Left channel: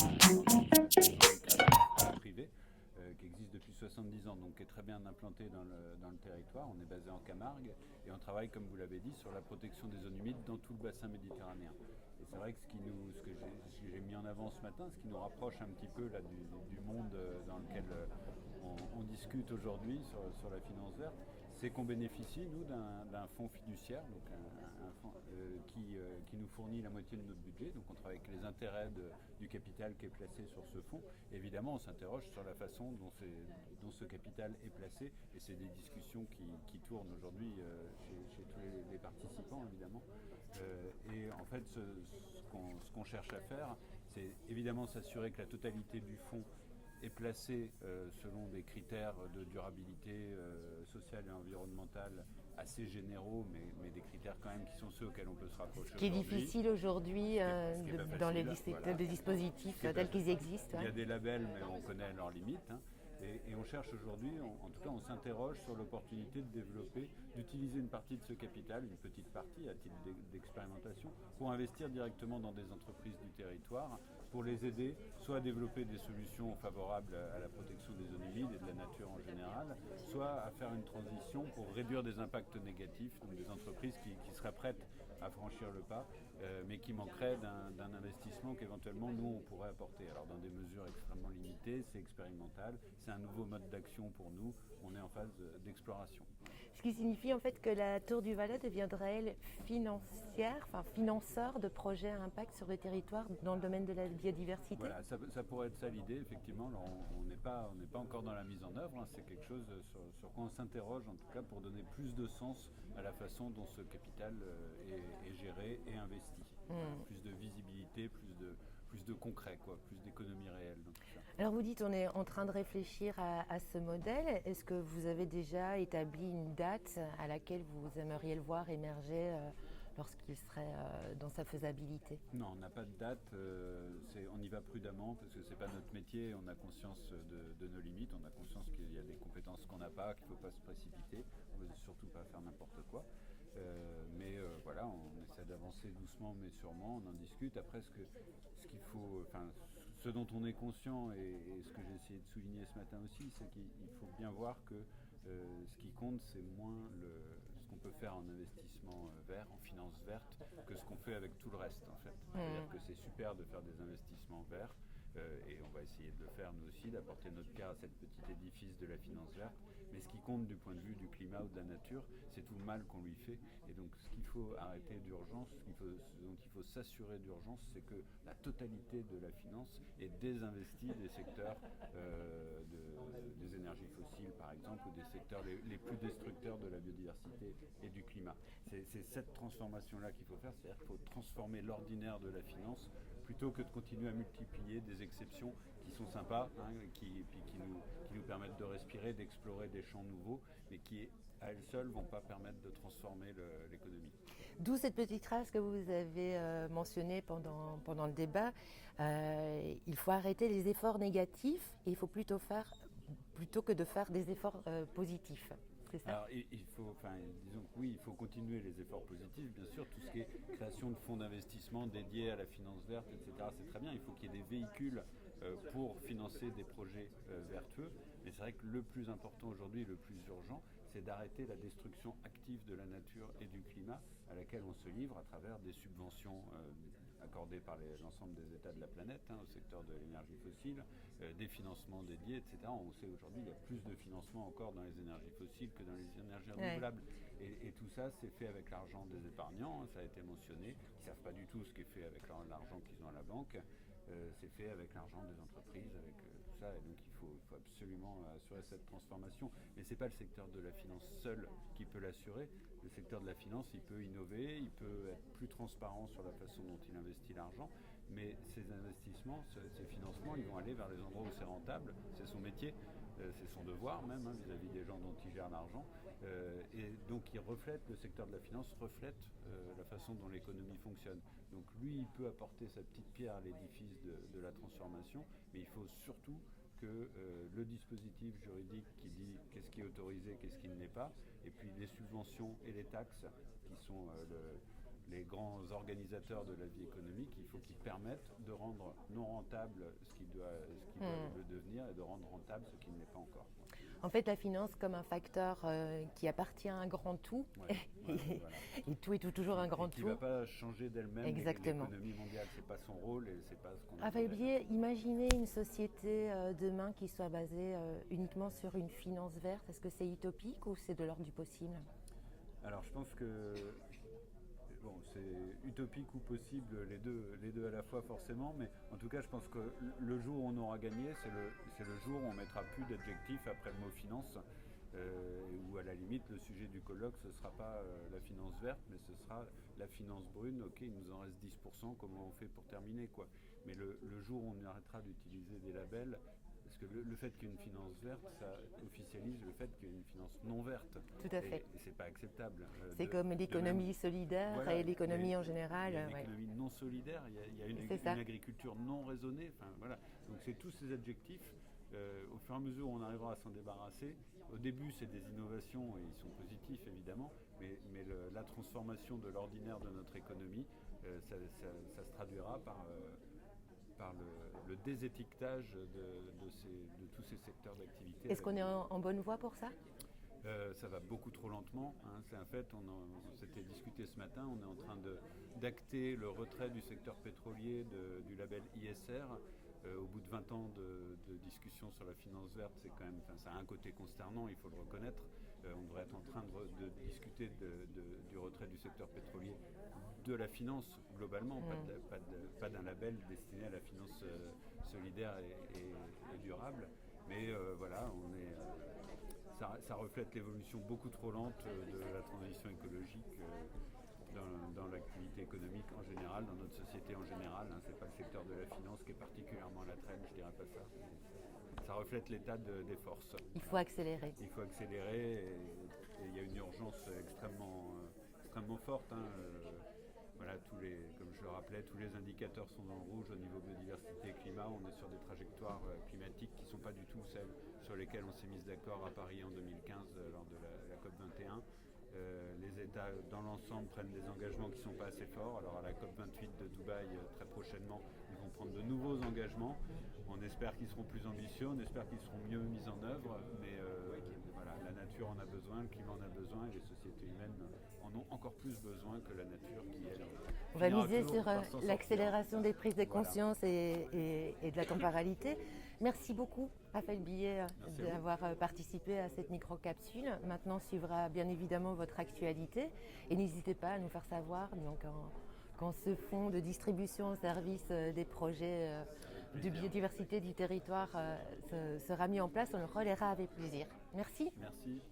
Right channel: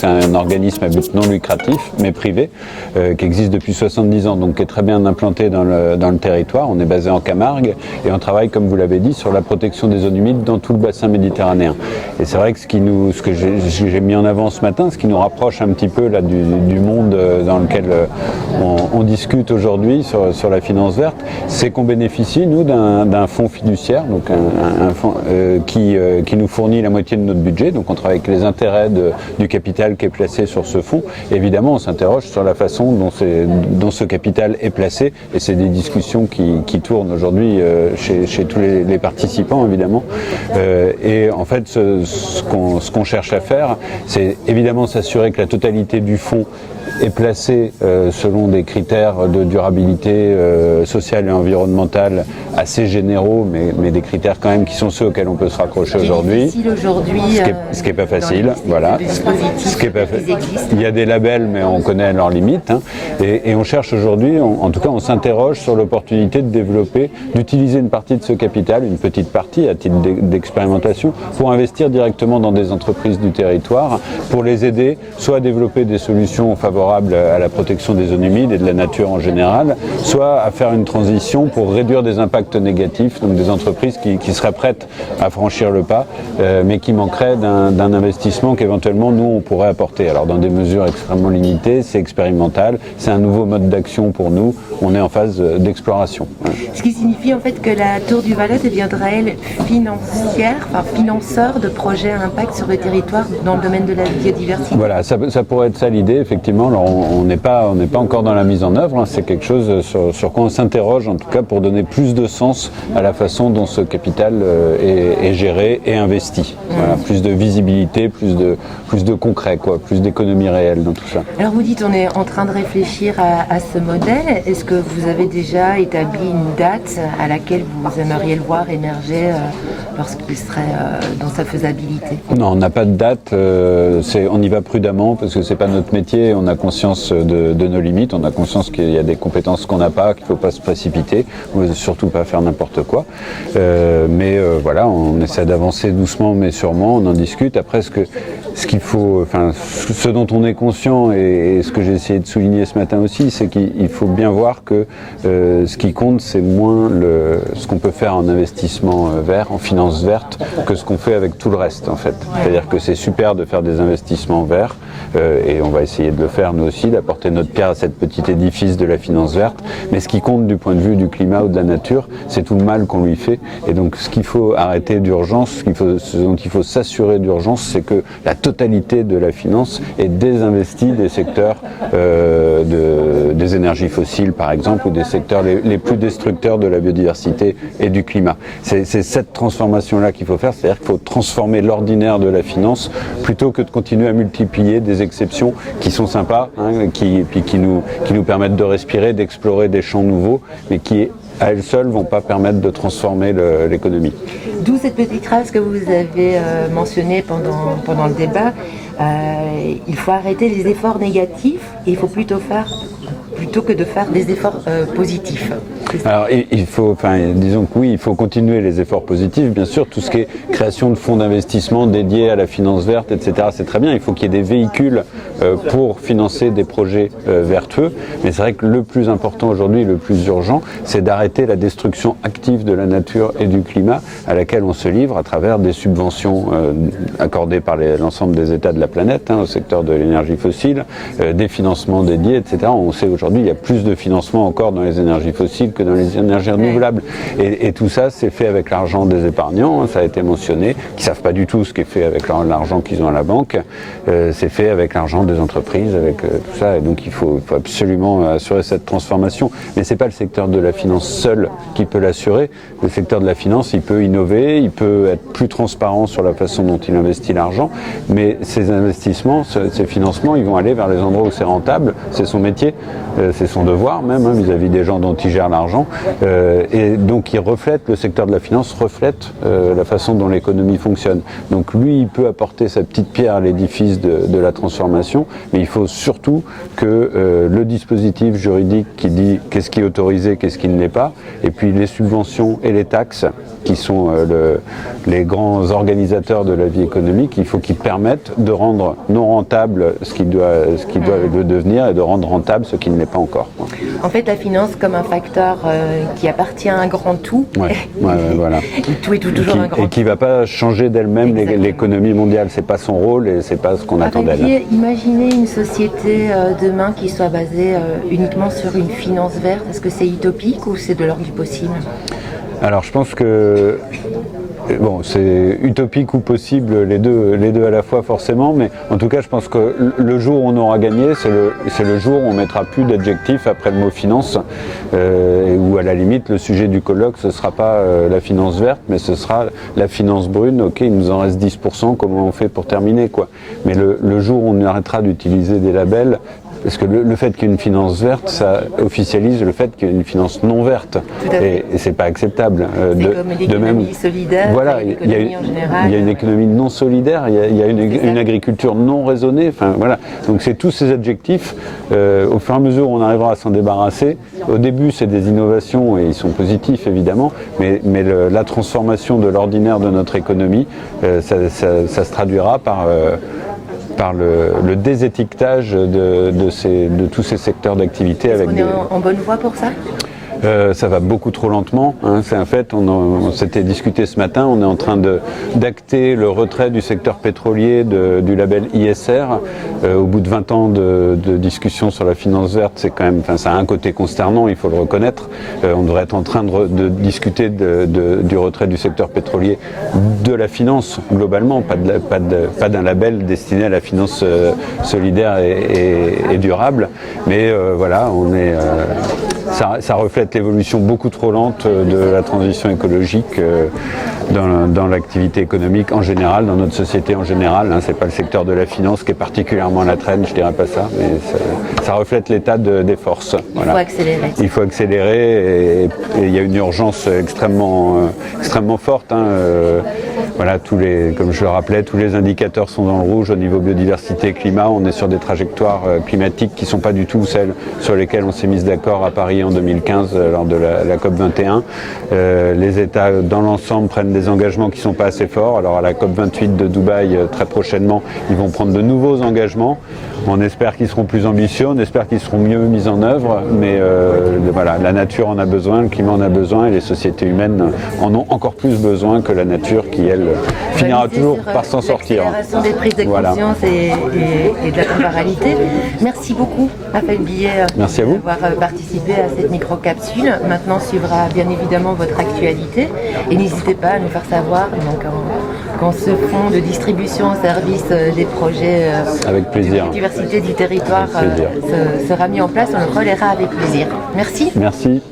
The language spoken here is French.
c'est un organisme à but non lucratif, mais privé, qui existe depuis 70 ans, donc qui est très bien implanté dans le territoire. On est basé en Camargue et on travaille, comme vous l'avez dit, sur la protection des zones humides dans tout le bassin méditerranéen. Et c'est vrai que ce que j'ai mis en avant ce matin, ce qui nous rapproche un petit peu là, du monde dans lequel on discute aujourd'hui sur la finance verte, c'est qu'on bénéficie, nous, d'un fonds fiduciaire, donc un fonds qui nous fournit la moitié de notre budget. Donc on travaille avec les intérêts du capital qui est placé sur ce fonds. Et évidemment, on s'interroge sur la façon dont ce capital est placé. Et c'est des discussions qui tournent aujourd'hui chez tous les participants, évidemment. Et en fait, ce qu'on cherche à faire, c'est évidemment s'assurer que la totalité du fonds est placé selon des critères de durabilité sociale et environnementale assez généraux, mais des critères quand même qui sont ceux auxquels on peut se raccrocher aujourd'hui. Ce qui n'est pas facile, voilà. Il y a des labels, mais on connaît leurs limites. Hein. Et on cherche aujourd'hui, en tout cas, on s'interroge sur l'opportunité de développer, d'utiliser une partie de ce capital, une petite partie à titre d'expérimentation, pour investir directement dans des entreprises du territoire, pour les aider soit à développer des solutions favorables à la protection des zones humides et de la nature en général, soit à faire une transition pour réduire des impacts négatifs, donc des entreprises qui seraient prêtes à franchir le pas, mais qui manqueraient d'un investissement qu'éventuellement nous on pourrait apporter. Alors dans des mesures extrêmement limitées, c'est expérimental, c'est un nouveau mode d'action pour nous, on est en phase d'exploration. Ce qui signifie en fait que la Tour du Valais deviendrait elle financeur de projets à impact sur le territoire dans le domaine de la biodiversité. Voilà, ça pourrait être ça l'idée, effectivement. Alors on n'est pas encore dans la mise en œuvre, hein. C'est quelque chose sur quoi on s'interroge, en tout cas pour donner plus de sens à la façon dont ce capital est géré et investi. Voilà, plus de visibilité, plus de concret, plus d'économie réelle dans tout ça. Alors vous dites on est en train de réfléchir à ce modèle. Est-ce que vous avez déjà établi une date à laquelle vous aimeriez le voir émerger lorsqu'il serait dans sa faisabilité? Non, on n'a pas de date. On y va prudemment parce que c'est pas notre métier. On a conscience de nos limites. On a conscience qu'il y a des compétences qu'on n'a pas, qu'il ne faut pas se précipiter. On ne veut surtout pas faire n'importe quoi. Mais voilà, on essaie d'avancer doucement mais sûrement. On en discute. Après, ce dont on est conscient et ce que j'ai essayé de souligner ce matin aussi, c'est qu'il faut bien voir que ce qui compte, c'est moins ce qu'on peut faire en investissement vert, en finance verte, que ce qu'on fait avec tout le reste en fait. C'est-à-dire que c'est super de faire des investissements verts et on va essayer de le faire nous aussi, d'apporter notre pierre à cet petit édifice de la finance verte. Mais ce qui compte du point de vue du climat ou de la nature, c'est tout le mal qu'on lui fait. Et donc ce qu'il faut arrêter d'urgence, ce dont il faut s'assurer d'urgence, c'est que la totalité de la finance est désinvestie des secteurs des énergies fossiles par exemple, ou des secteurs les plus destructeurs de la biodiversité et du climat. C'est cette transformation-là qu'il faut faire, c'est-à-dire qu'il faut transformer l'ordinaire de la finance plutôt que de continuer à multiplier des exceptions qui sont sympas, hein, qui nous permettent de respirer, d'explorer des champs nouveaux, mais qui à elles seules ne vont pas permettre de transformer l'économie. D'où cette petite phrase que vous avez mentionnée pendant le débat. Il faut arrêter les efforts négatifs et il faut plutôt que de faire des efforts positifs. Alors disons que oui, il faut continuer les efforts positifs, bien sûr, tout ce qui est création de fonds d'investissement dédiés à la finance verte, etc. C'est très bien, il faut qu'il y ait des véhicules pour financer des projets vertueux, mais c'est vrai que le plus important aujourd'hui, le plus urgent, c'est d'arrêter la destruction active de la nature et du climat à laquelle on se livre à travers des subventions accordées par l'ensemble des États de la planète, au secteur de l'énergie fossile, des financements dédiés, etc. On sait aujourd'hui il y a plus de financement encore dans les énergies fossiles que dans les énergies renouvelables. Et tout ça, c'est fait avec l'argent des épargnants, ça a été mentionné, qui ne savent pas du tout ce qui est fait avec l'argent qu'ils ont à la banque. C'est fait avec l'argent des entreprises, avec tout ça. Et donc il faut absolument assurer cette transformation. Mais ce n'est pas le secteur de la finance seul qui peut l'assurer. Le secteur de la finance, il peut innover, il peut être plus transparent sur la façon dont il investit l'argent. Mais ces investissements, ces financements, ils vont aller vers les endroits où c'est rentable. C'est son métier, c'est son devoir même vis-à-vis des gens dont il gère l'argent. d'argent. Et donc le secteur de la finance reflète la façon dont l'économie fonctionne. Donc lui, il peut apporter sa petite pierre à l'édifice de la transformation, mais il faut surtout que le dispositif juridique qui dit qu'est-ce qui est autorisé, qu'est-ce qui ne l'est pas, et puis les subventions et les taxes qui sont les grands organisateurs de la vie économique, il faut qu'ils permettent de rendre non rentable ce qui doit le devenir et de rendre rentable ce qui ne l'est pas encore. En fait, la finance comme un facteur qui appartient à un grand tout. Voilà. Tout est toujours un grand tout. Et qui ne va pas changer d'elle-même l'économie mondiale. Ce n'est pas son rôle et ce n'est pas ce qu'on attend d'elle. Imaginez une société demain qui soit basée uniquement sur une finance verte. Est-ce que c'est utopique ou c'est de l'ordre du possible ? Alors je pense que c'est utopique ou possible, les deux à la fois forcément, mais en tout cas je pense que le jour où on aura gagné, c'est le jour où on mettra plus d'adjectifs après le mot finance, ou à la limite le sujet du colloque ce sera pas la finance verte, mais ce sera la finance brune. Ok, il nous en reste 10%, comment on fait pour terminer quoi. Mais le jour où on arrêtera d'utiliser des labels, parce que le fait qu'il y ait une finance verte, ça officialise le fait qu'il y ait une finance non verte. Et c'est pas acceptable. C'est comme l'économie solidaire, voilà, l'économie en général. Il y a une économie non solidaire, il y a une agriculture non raisonnée. Enfin, voilà. Donc c'est tous ces adjectifs. Au fur et à mesure où on arrivera à s'en débarrasser, au début c'est des innovations et ils sont positifs évidemment, mais la transformation de l'ordinaire de notre économie, ça se traduira par le désétiquetage de tous ces secteurs d'activité. Est-ce qu'on est en bonne voie pour ça ? Ça va beaucoup trop lentement, hein, c'est un fait, on s'était discuté ce matin, on est en train d'acter le retrait du secteur pétrolier du label ISR. Au bout de 20 ans de discussion sur la finance verte, c'est quand même, ça a un côté consternant, il faut le reconnaître. On devrait être en train de discuter du retrait du secteur pétrolier de la finance globalement, pas d'un label destiné à la finance solidaire et durable, mais voilà, ça reflète l'évolution beaucoup trop lente de la transition écologique dans l'activité économique en général, dans notre société en général. C'est pas le secteur de la finance qui est particulièrement à la traîne, je dirais pas ça, mais ça reflète l'état des forces. Voilà. Il faut accélérer et il y a une urgence extrêmement forte. Voilà, comme je le rappelais, tous les indicateurs sont dans le rouge au niveau biodiversité et climat. On est sur des trajectoires climatiques qui ne sont pas du tout celles sur lesquelles on s'est mis d'accord à Paris en 2015 lors de la COP 21. Les États dans l'ensemble prennent des engagements qui ne sont pas assez forts. Alors à la COP 28 de Dubaï, très prochainement, ils vont prendre de nouveaux engagements. On espère qu'ils seront plus ambitieux, on espère qu'ils seront mieux mis en œuvre, mais voilà, la nature en a besoin, le climat en a besoin et les sociétés humaines en ont encore plus besoin que la nature qui, elle, finira toujours par s'en sortir. L'accélération des prises de conscience et de la temporalité. Merci beaucoup, Raphaël Billet, d'avoir participé à cette micro-capsule. Maintenant suivra bien évidemment votre actualité et n'hésitez pas à nous faire savoir quand ce fonds de distribution au service des projets avec plaisir. de diversité du territoire sera mis en place. On le relaiera avec plaisir. Merci. Merci.